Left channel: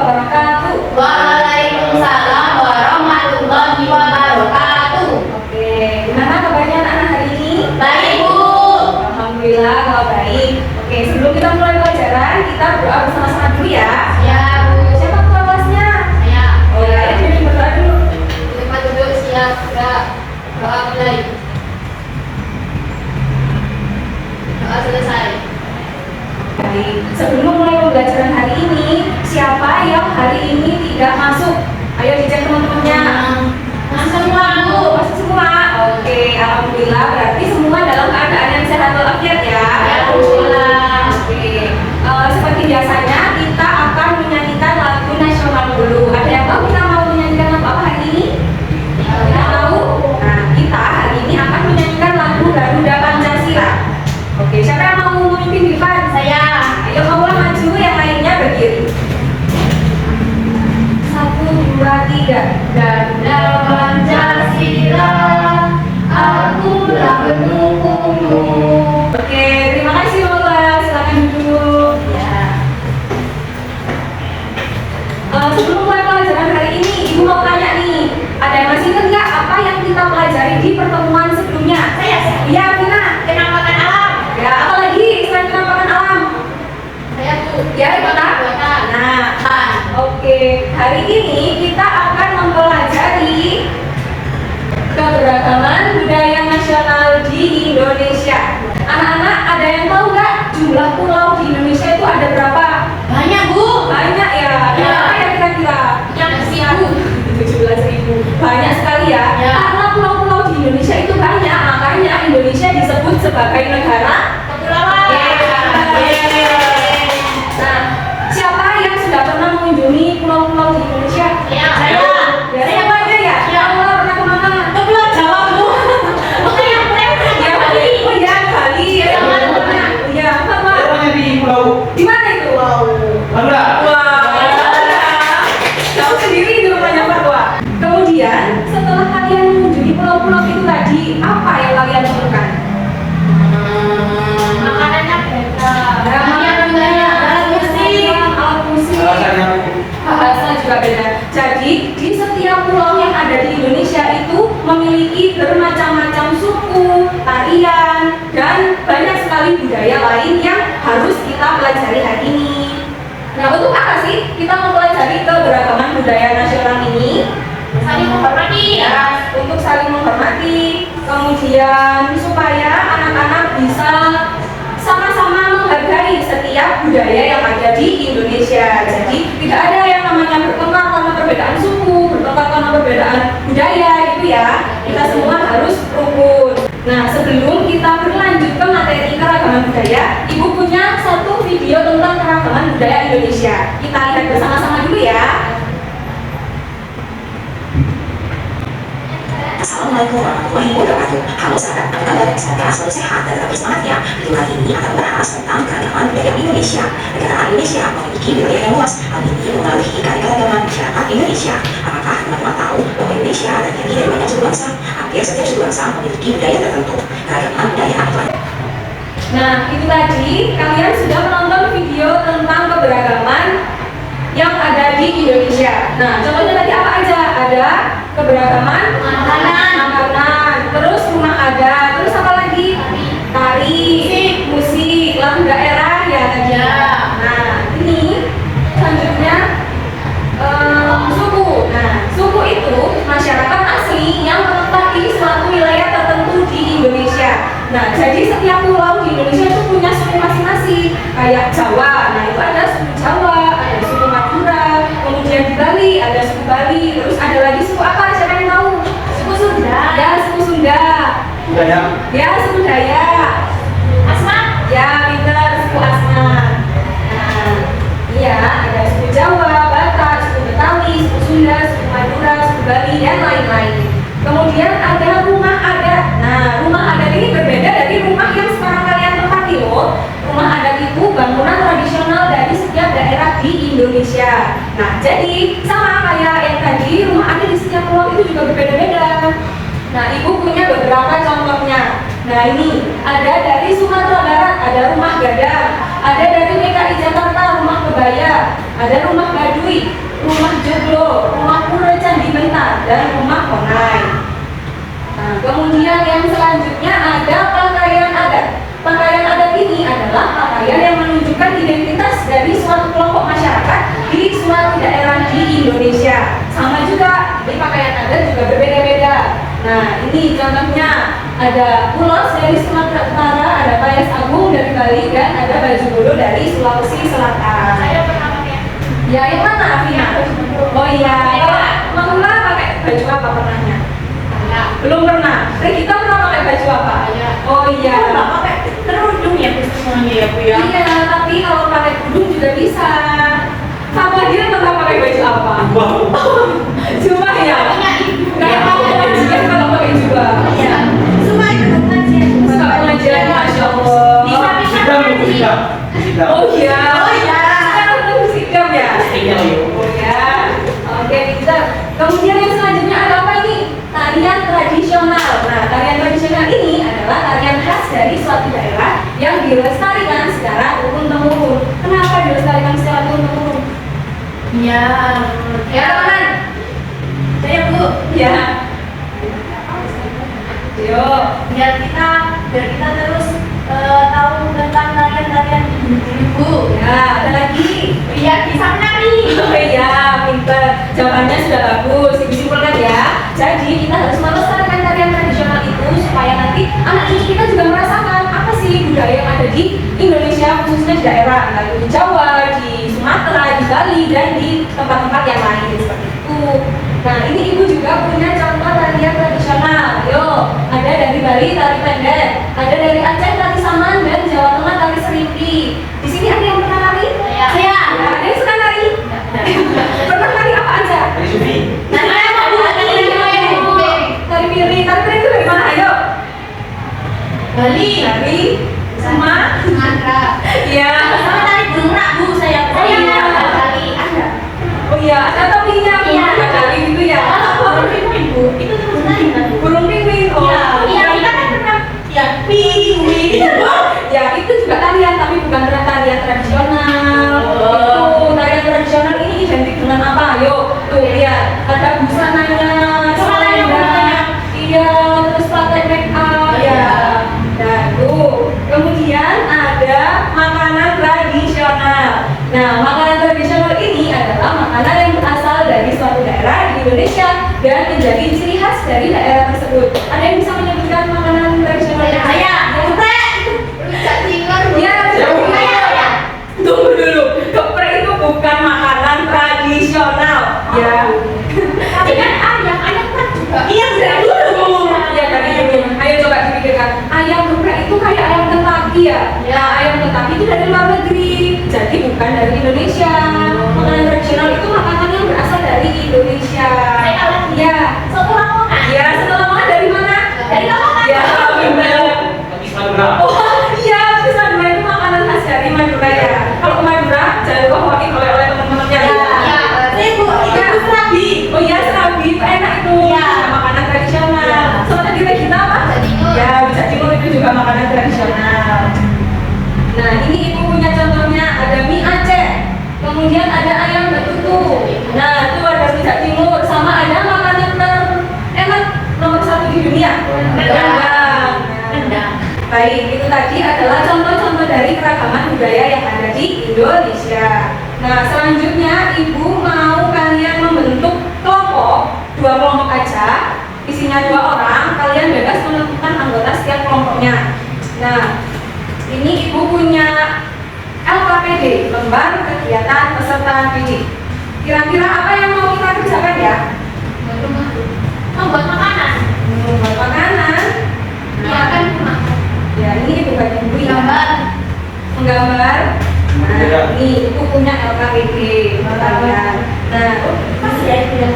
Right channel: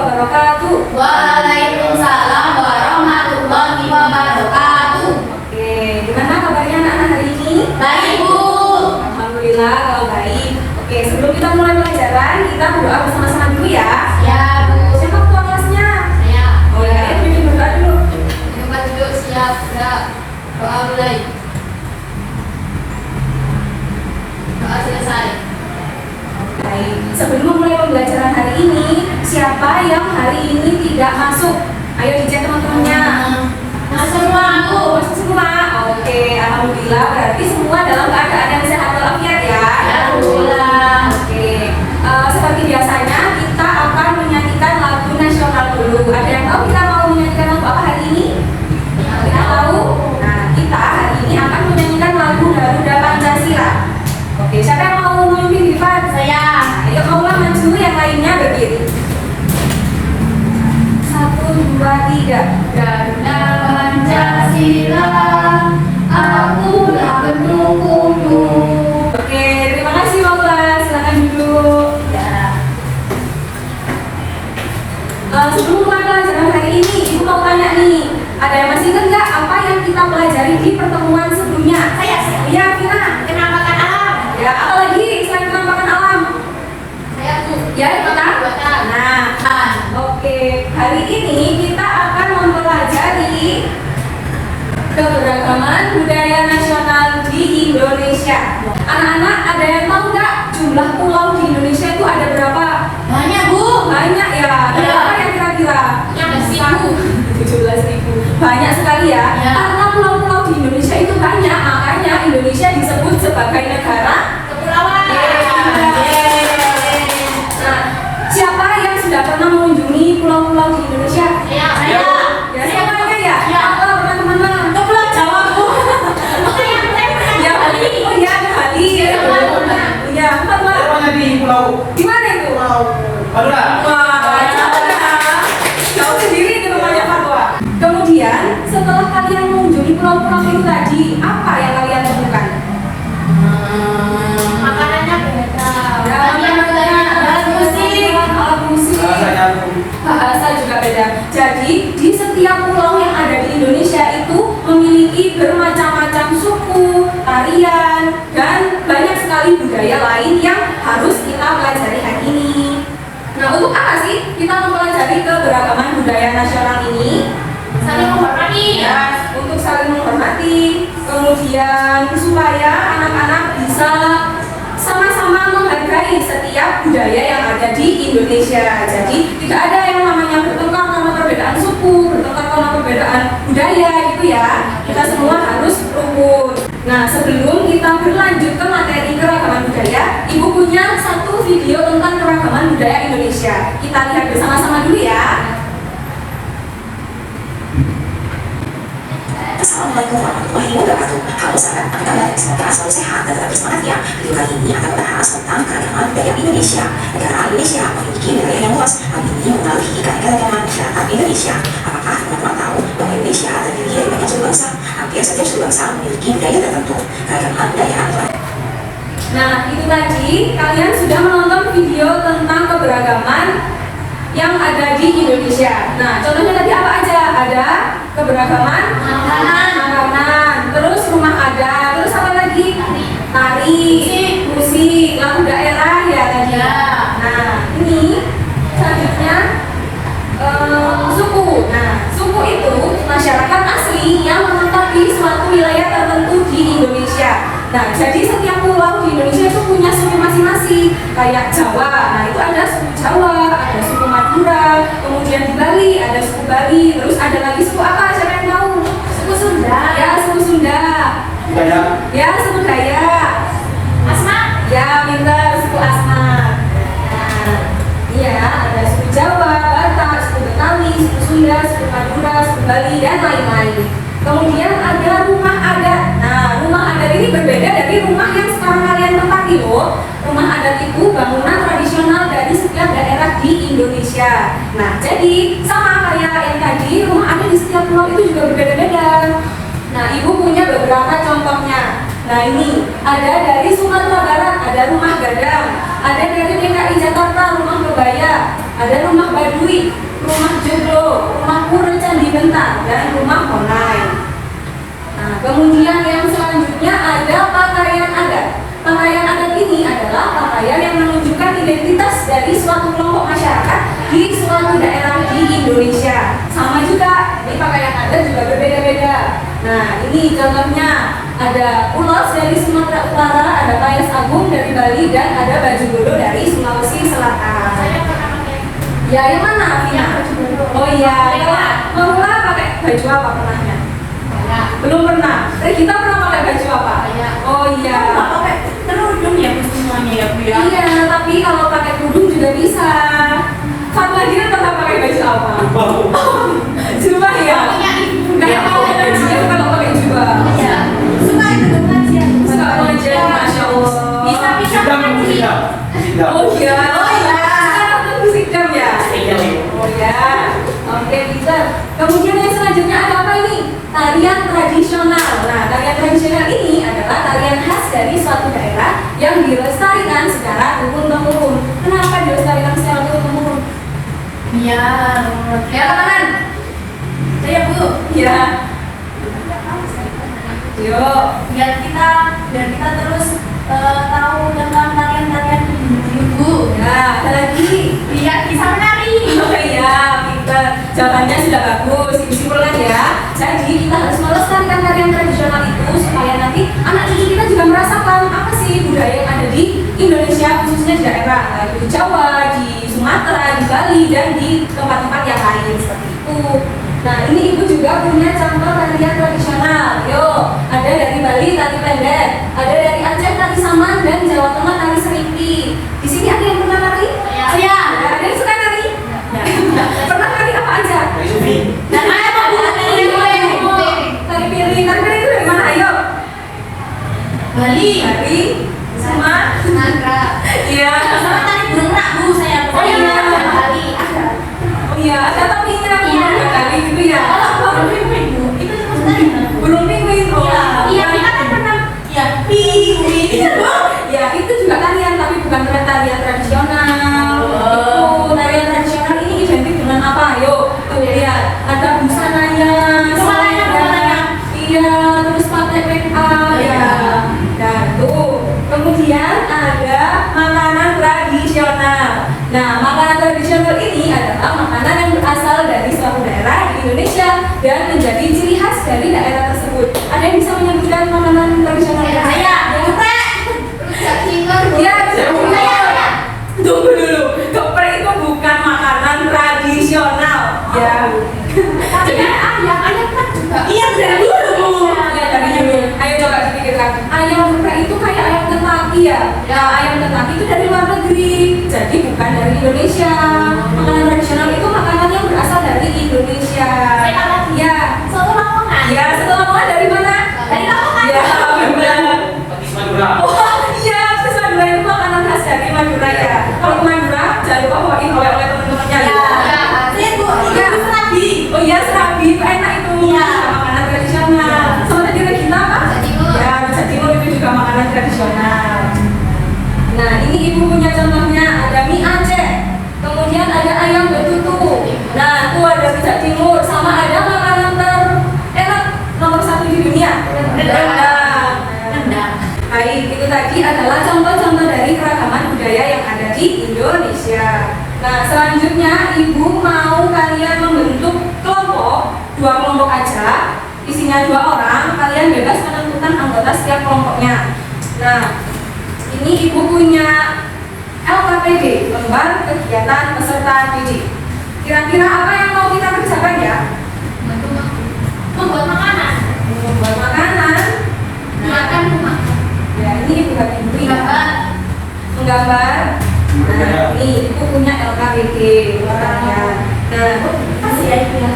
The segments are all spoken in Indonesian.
wabarakatuh. Waalaikumsalam warahmatullahi wabarakatuh. Oke, gimana kabarnya anak-anak hari ini? Baik, Bu. Alhamdulillah kalau baik. Oke, sebelum kita mulai pelajaran, kita berdoa bersama-sama dulu ya. Ya, Bu. Siapa ketua kelasnya? Ya. Oh ya, ini berdoa dulu. Terima duduk siap. Sudah doa mulai. Doa selesai. Baik, sebelum mulai pembelajaran hari ini, siapa yang hari ini tidak masuk? Ayo dicek teman-temannya. Masuk semua, Bu. Masuk semua. Oke, alhamdulillah berarti semua dalam keadaan yang sehat walafiat ya. Ya, Alhamdulillah. Oke, seperti biasanya kita akan menyanyikan lagu nasional dulu. Ada yang tahu kita mau menyanyikan lagu apa hari ini? Ya, Kita tahu? Nah, kita hari ini akan menyanyikan lagu Garuda Pancasila. Oke, siapa yang mau memimpin Ivan? Saya. Ayo kaulah maju, yang lainnya berdiri. 1, 2, 3. Garuda Pancasila, akulah pendukungmu. Oke, terima kasih Paula. Silakan duduk. Ya. Sebelum mulai pelajaran hari ini, Ibu mau tanya nih, ada yang masih ingat nggak apa yang kita pelajari di pertemuan sebelumnya? Saya. Ya, Vina. Penampakan alam. Ya, apa lagi selain penampakan alam? Saya, Bu. Ya, kita. Nah, oke. Hari ini kita akan mempelajari keberagaman budaya nasional di Indonesia. Anak-anak, ada yang tahu nggak jumlah pulau di Indonesia itu ada berapa? Banyak, Bu. Banyak ya. Ya. Berapa ya kira-kira? Yang 1000. 17.000. Banyak sekali ya. Ya. Karena pulau-pulau di Indonesia itu banyak, makanya Indonesia disebut sebagai negara Kepulauan. Nah, siapa yang sudah pernah mengunjungi pulau-pulau di Indonesia? Saya. Ya, semuanya ya? Ya. Allah pernah kemana? Ke Pulau Jawa, Bu. Bukan yang Ya, Bali. oh ya, Bali. Ya, ya, sama. Di pulau Di mana itu? Madura. Wah, jauh sendiri di rumahnya Fatwa. Kemudian, setelah kalian mengunjungi pulau-pulau itu tadi, apa yang kalian temukan? Makanannya beda. Alat musik. Alat musik. Rasanya Bahasa juga beda. Jadi di setiap pulau yang ada di Indonesia itu memiliki bermacam-macam suku, tarian, dan banyak sekali budaya lain yang harus kita pelajari hari ini. Nah, untuk apa sih kita mempelajari keberagaman budaya nasional ini? Saling menghormati. Ya, untuk saling menghormati, kemudian supaya anak-anak bisa sama-sama menghargai setiap budaya yang ada di Indonesia. Jadi tidak ada yang namanya bertengkar karena perbedaan suku, bertengkar karena perbedaan budaya itu ya. Kita semua harus rukun. Nah, sebelum kita berlanjut ke materi keragaman budaya, Ibu punya satu video tentang keragaman budaya Indonesia. Kita lihat bersama-sama dulu ya. Assalamualaikum warahmatullahi wabarakatuh. Halo sahabat, apa kabar? Semoga selalu sehat dan tetap semangat ya. Video kali ini akan membahas tentang keragaman budaya Indonesia. Negara Indonesia memiliki wilayah yang luas. Hal ini mempengaruhi keragaman masyarakat Indonesia. Apakah teman-teman tahu bahwa Indonesia terdiri dari banyak suku bangsa? Hampir setiap suku bangsa memiliki budaya tertentu. Keragaman budaya itu ada. Nah, itu tadi kalian sudah menonton video tentang keberagaman yang ada di Indonesia. Nah, contohnya tadi apa aja? Ada keberagaman makanan, terus rumah adat, terus apa lagi? Tari, musik, lagu daerah ya tadi. Ya. Nah, ini selanjutnya suku. Nah, suku itu masyarakat asli yang menetap di suatu wilayah tertentu di Indonesia. Nah, jadi setiap pulau di Indonesia itu punya suku masing-masing. Kayak Jawa, nah itu ada suku Jawa, ada suku Madura, kemudian di Bali ada suku Bali, terus ada lagi suku apa? Siapa yang tahu? Suku Sunda. Ya, suku Sunda. banyak Ya, suku Dayak. Asma. Ya, pintar, suku Asma. Nah, iya, ada suku Jawa, Batak, suku Betawi, suku Sunda, suku Madura, suku Bali, dan lain-lain. Kemudian ada rumah adat. Nah, rumah adat ini berbeda dari rumah yang sekarang kalian tempati loh. Rumah adat itu bangunan tradisional dari setiap daerah di Indonesia. Nah, jadi sama kayak yang tadi, rumah adat di setiap pulau itu juga berbeda-beda. Nah, Ibu punya beberapa contohnya. Nah, ini ada dari Sumatera Barat, ada rumah gadang. ada dari DKI Jakarta, rumah kebaya, ada rumah Baduy, rumah Joglo, rumah Pura Candi Bentar, dan rumah Konai. Nah, kemudian yang selanjutnya ada pakaian adat. Pakaian adat ini adalah pakaian yang menunjukkan identitas dari suatu kelompok masyarakat di suatu daerah di Indonesia. Sama juga, ini pakaian adat juga berbeda-beda. Nah, ini contohnya ada ulos dari Sumatera Utara, ada payas agung dari Bali, dan ada baju bodo dari Sulawesi Selatan. Saya pernah pakai. Ya, yang mana, Afina? Oh iya, kalau Mula pakai baju apa pernahnya? Saya. Belum pernah. Tapi kita pernah pakai baju apa? Saya. Oh iya. pakai kerudung ya Bu semuanya ya Bu ya. Iya, tapi kalau pakai kerudung juga bisa. Satu lagi tetap pakai baju apa? Jubah ya. Punya ibu. Kayak pakai pengajian kalau pakai jubah. Iya. Suka itu pengajian. Suka pengajian, masya Allah. Bisa Sidang, Bu, pengajian. sidang. Sidang. Oh iya. Oh iya. Kan nonton sidang ya. Oh ya. Oke, pintar. Kemudian yang selanjutnya ada apa ini? Tarian tradisional. Nah, tarian tradisional ini adalah tarian khas dari suatu daerah yang dilestarikan secara turun-temurun. Kenapa dilestarikan secara turun-temurun? Iya. Ya, teman. Saya Bu. Ya. Yo. Biar kita terus tahu tentang tarian-tarian ibu. Ya, ada lagi. Biar bisa menari. Oh iya, pintar. Jawabannya sudah bagus. Disimpulkan ya. Jadi kita harus melestarikan tarian tradisional itu supaya nanti anak cucu kita juga merasakan apa sih budaya yang ada di Indonesia, khususnya di daerah entah itu di Jawa, di Sumatera, di Bali, dan di tempat-tempat yang lain seperti itu. Nah, ini ibu juga punya contoh tarian tradisional. Yo, ada dari Bali tari pendek, ada dari Aceh tari saman, dan Jawa Tengah tari serimpi. Di sini ada yang pernah tari? Saya. Nah, ada yang suka nari? Pernah nari apa aja? Sufi. Dan saya mau Tari piring itu dari mana? Ayo. Bali. Dari sama. Nandra. Iya. Sama tari burung rak Bu saya. Oh iya. Bali. Ada. Oh iya, ada tapinya burung kali gitu ya. Burung pinguin Bu. Itu terus tari kan Bu? Burung pinguin. Oh. Iya, kita kan pernah. Ya, pinguin. Ya, itu juga tarian tapi bukan tarian tradisional. Itu tarian tradisional ini identik dengan apa? Ayo, tuh lihat. Ada busananya. Busananya, busananya. Iya, terus pakai make up. Iya. Nah, tuh. Kemudian ada makanan tradisional. Nah, makanan tradisional ini adalah makanan yang berasal dari suatu daerah di Indonesia dan menjadi ciri khas dari daerah tersebut. Ada yang bisa menyebutkan makanan tradisional? Saya. Geprek. Rujak cingur. Ya, tunggu dulu. Geprek itu bukan makanan tradisional. Ya. Tapi kan ayam kan juga. Iya, dari dulu Bu. Ya, dari dulu. Ayo coba dipikirkan. Ayam geprek itu kayak ayam Kentucky ya? Ya, ayam Kentucky itu dari luar negeri. Jadi bukan dari Indonesia. Makanan tradisional itu makanan yang berasal dari Indonesia. Saya lagi. Ya. Soto Lamongan. Ya, setelah Lamongan dari mana? Dari Lamongan. Ya, benar. Tapi Madura. Oh iya, terus Madura itu makanan khas dari Madura ya. Kalau ke Madura, jangan lupa bawain oleh-oleh teman-temannya ya. Iya. Saya Bu, Ya. itu serabi. Oh iya, serabi itu enak itu. Iya. Makanan tradisional. Sama tadi kita apa? Rujak cingur. Ya, rujak cingur itu juga makanan tradisional. Nah, ini ibu punya contohnya ada mie Aceh. Kemudian ada ayam betutu. Nah, itu ada rujak cingur. Sama ada makanan terenak nomor 1 di dunia. Rendang. Rendang. Baik, itu tadi adalah contoh-contoh dari keragaman budaya yang ada di Indonesia. Nah, selanjutnya ibu mau kalian membentuk kelompok, 2 kelompok aja, isinya 2 orang, kalian bebas menentukan anggota setiap kelompoknya. Nah, ini ibu punya LKPD, lembar kegiatan peserta didik. Kira-kira apa yang mau kita kerjakan ya? Membuat makanan. Membuat makanan. Makan rumah. Ya, ini ibu bagi ibu ya. Gambar. Menggambar. Nah, ini ibu punya LKPD orangnya. Nah, Pasti ya itu ya.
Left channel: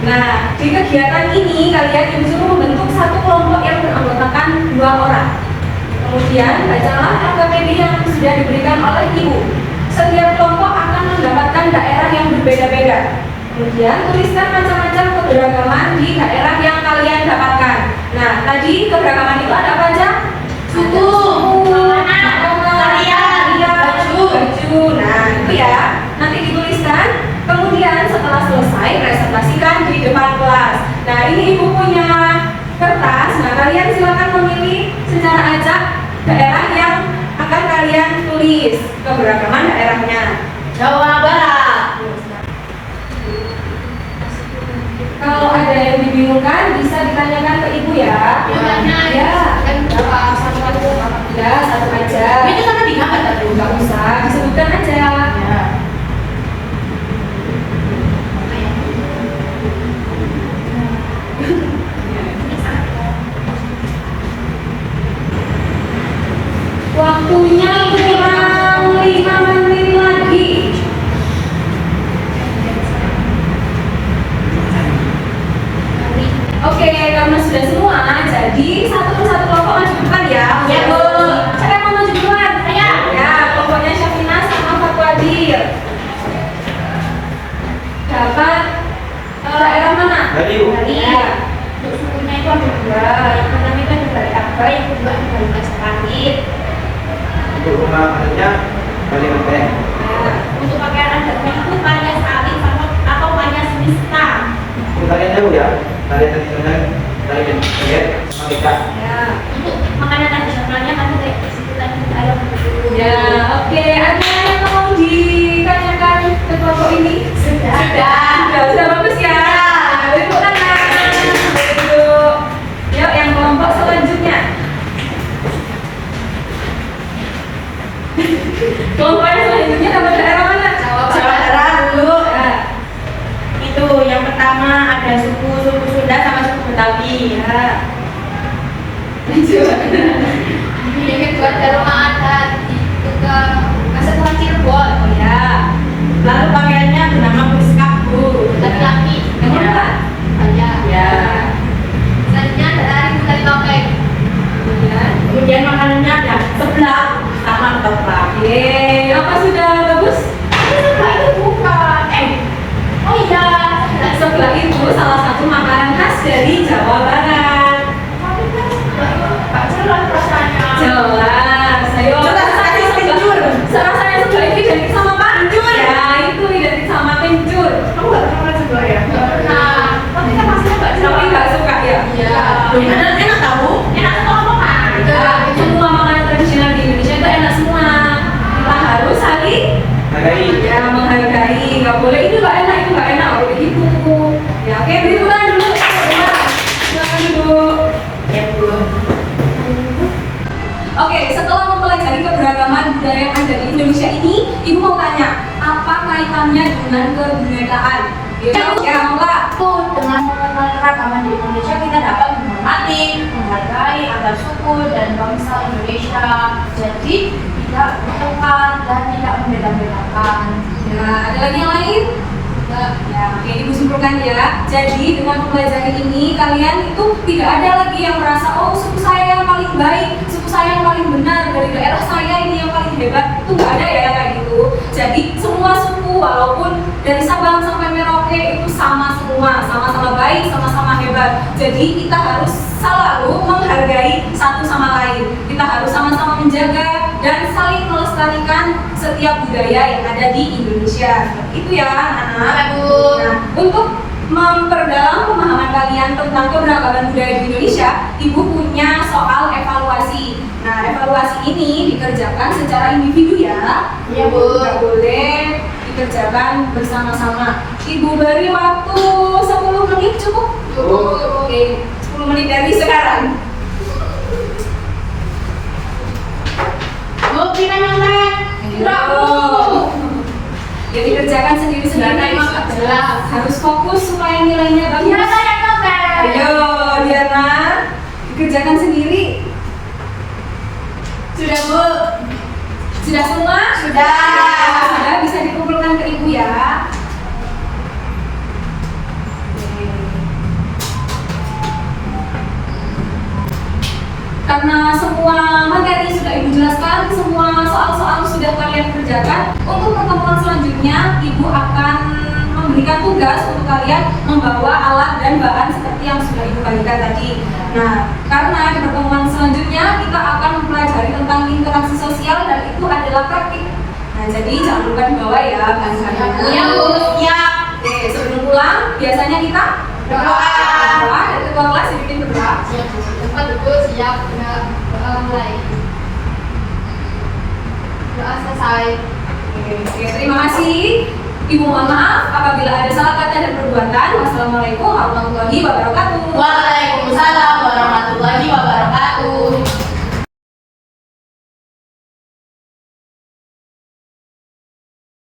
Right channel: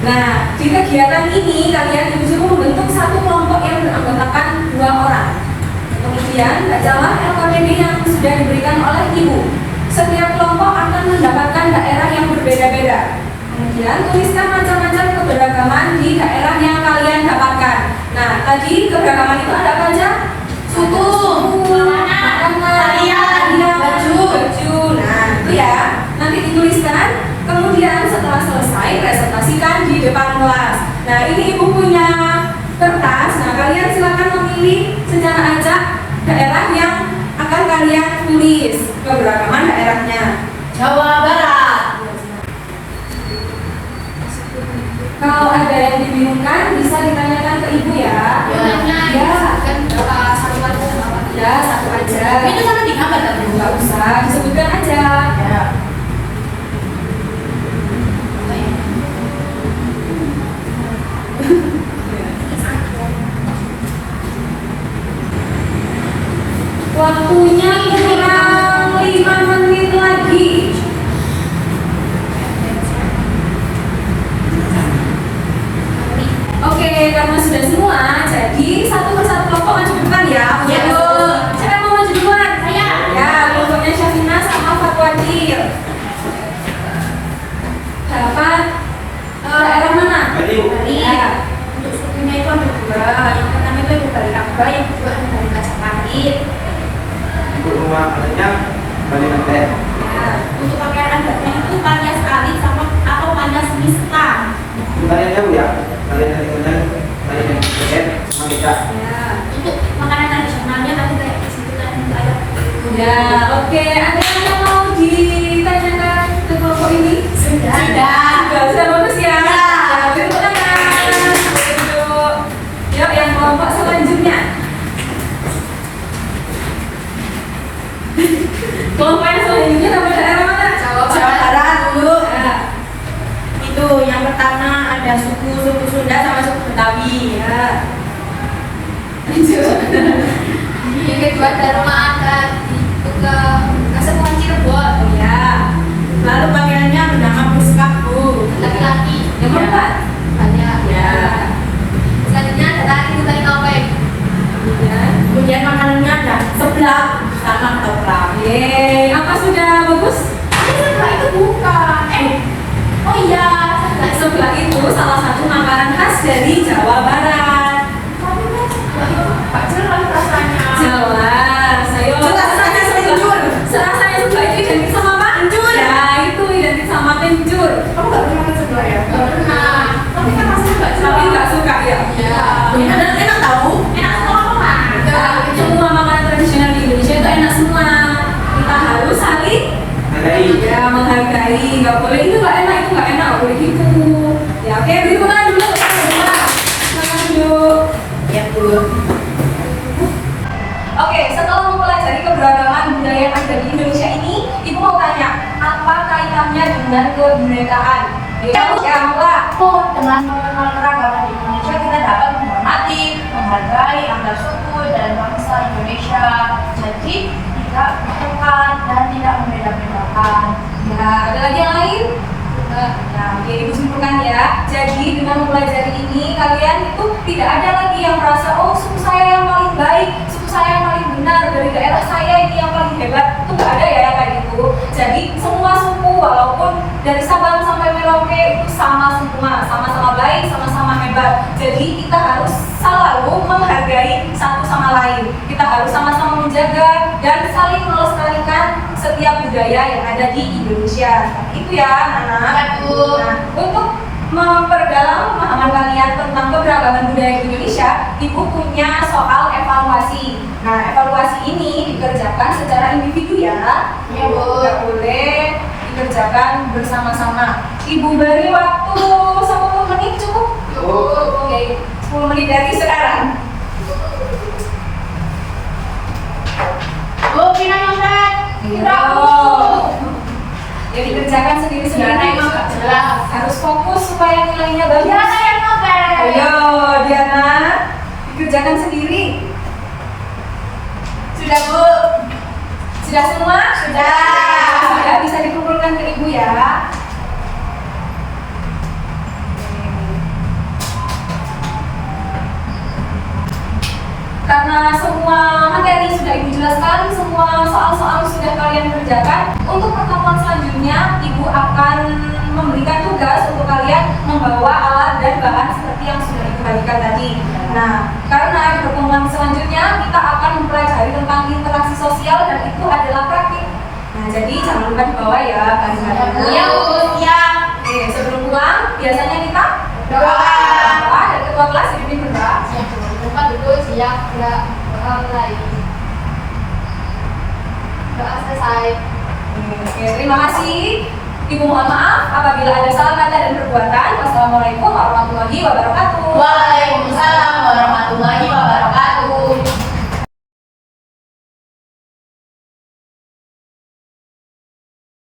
nah, di kegiatan ini kalian disuruh membentuk satu kelompok yang beranggotakan 2 orang. Kemudian bacalah LKPD yang sudah diberikan oleh ibu. Setiap kelompok akan mendapatkan daerah yang berbeda-beda. Kemudian tuliskan macam-macam keberagaman di daerah yang keberagaman itu ada apa aja? Suku, tarian, baju. Nah, itu ya. Nanti dituliskan. Kemudian setelah selesai presentasikan di depan kelas. Nah, ini ibu punya kertas. Nah, kalian silakan memilih secara acak daerah yang akan kalian tulis keberagaman daerahnya. Jawa Barat. Kalau ada yang dibingungkan bisa ditanyakan ke ibu ya. Ya, kan satu aja. ya satu aja. Itu sama di gambar tapi Nggak usah disebutkan aja. ya. Waktunya kurang 5 menit lagi. Oke, karena sudah semua, jadi satu persatu kelompok maju ke depan ya. Ya, Bu. Siapa yang mau maju duluan? Saya. Ya, kelompoknya Syafina sama Fatwadir. Dapat daerah mana? Dari Ya. Untuk sukunya itu ada dua. Yang pertama itu ada dari Akbar, yang kedua ada dari Majapahit. untuk rumah adatnya Bali Menteng. Ya. Untuk pakaian adatnya itu Maya Salin sama atau Maya Semesta. Untuk kalian jauh ya, kalian dari Menteng, dari Menteng sama kita. Ya. Untuk makanan tradisionalnya kamu kayak sebutan ayam. Ya, oke. Ada yang mau ditanyakan ke kelompok ini? Sudah. Sudah bagus ya. Beri tepuk tangan. Yuk. Yuk, yang kelompok selanjutnya. Kelompok yang selanjutnya dapat daerah mana? Jawa Jawa Barat dulu. Ya. Itu yang pertama ada suku Sunda sama suku Betawi. Ya. Lanjut. Yang kedua Dharma adat itu ke Kesatuan Cirebon. Ya. Lalu pakaiannya bernama muskap, Bu. Laki-laki. Yang Ya. keempat. Banyak. Ya. Selanjutnya ada tari topeng. Kemudian. Kemudian makanannya ada seblak sama ketoprak. Yeay, apa sudah bagus? Sebelah itu bukan. Oh iya. Sebelah itu salah satu makanan khas dari Jawa Barat. Pak jelas rasanya. Jelas, ayo. Jelas aja kencur. Serasanya sebelah itu identik sama apa? Kencur. Ya, itu identik sama kencur. Kamu nggak pernah makan seblak ya? Nggak pernah. Tapi kan pasti nggak Tapi nggak suka ya? Iya. Enak, enak tahu? Enak apa kan? Semua makanan tradisional di Indonesia itu enak semua. Kita harus saling Menghargai. ya menghargai. Nggak boleh itu nggak enak, itu nggak enak. Nggak boleh gitu. Ya oke, beri tangan dulu. Silakan duduk. Ya, Bu. Oke, setelah mempelajari keberagaman budaya yang ada di Indonesia ini, Ibu mau tanya, apa kaitannya dengan kebinekaan? Ya, Mbak. Dengan mengenal keragaman di Indonesia kita dapat menghormati, menghargai antar suku dan bangsa Indonesia. Jadi tidak bertengkar dan tidak membeda-bedakan. Ya, ada lagi yang lain? Enggak. Ya, oke, Ibu simpulkan ya. Jadi dengan mempelajari ini, kalian itu tidak ada lagi yang merasa, oh suku saya yang paling baik, suku saya yang paling benar, dari daerah saya ini yang paling hebat. Itu nggak ada ya yang kayak gitu. Jadi semua suku, walaupun dari Sabang sampai Merauke itu sama semua, sama-sama baik, sama-sama hebat. Jadi kita harus selalu menghargai satu sama lain. Kita harus sama-sama menjaga dan saling melestarikan setiap budaya yang ada di Indonesia. Itu ya, anak-anak. Nah, untuk memperdalam pemahaman kalian tentang keberagaman budaya di Indonesia, Ibu punya soal evaluasi. Nah, evaluasi ini dikerjakan secara individu ya. Iya, Bu. Nggak boleh dikerjakan bersama-sama. Ibu beri waktu 10 menit cukup? Cukup. Oke, 10 menit dari sekarang. Bu, Pina nyontek. Tidak, Bu. Ya dikerjakan sendiri-sendiri. Jelas. Harus fokus supaya nilainya bagus. Ya, saya nyontek. Ayo, Diana, dikerjakan sendiri. Sudah, Bu. Sudah semua? Sudah. Sudah, bisa dikumpulkan ke Ibu ya. Oke. Karena semua materi sudah Ibu jelaskan, semua soal-soal sudah kalian kerjakan, untuk pertemuan selanjutnya Ibu akan memberikan tugas untuk kalian membawa alat dan bahan seperti yang sudah Ibu bagikan tadi. Nah, karena di pertemuan Nah, jadi jangan lupa dibawa ya baju-bajunya. Iya Bu, siap. Oke, sebelum pulang biasanya kita Berdoa. berdoa dan ketua kelas dipimpin berdoa. Bukan duduk siap, doa mulai. Doa selesai. Oke, terima kasih. Ibu mohon maaf apabila ada salah kata dan perbuatan. Wassalamualaikum warahmatullahi wabarakatuh. Waalaikumsalam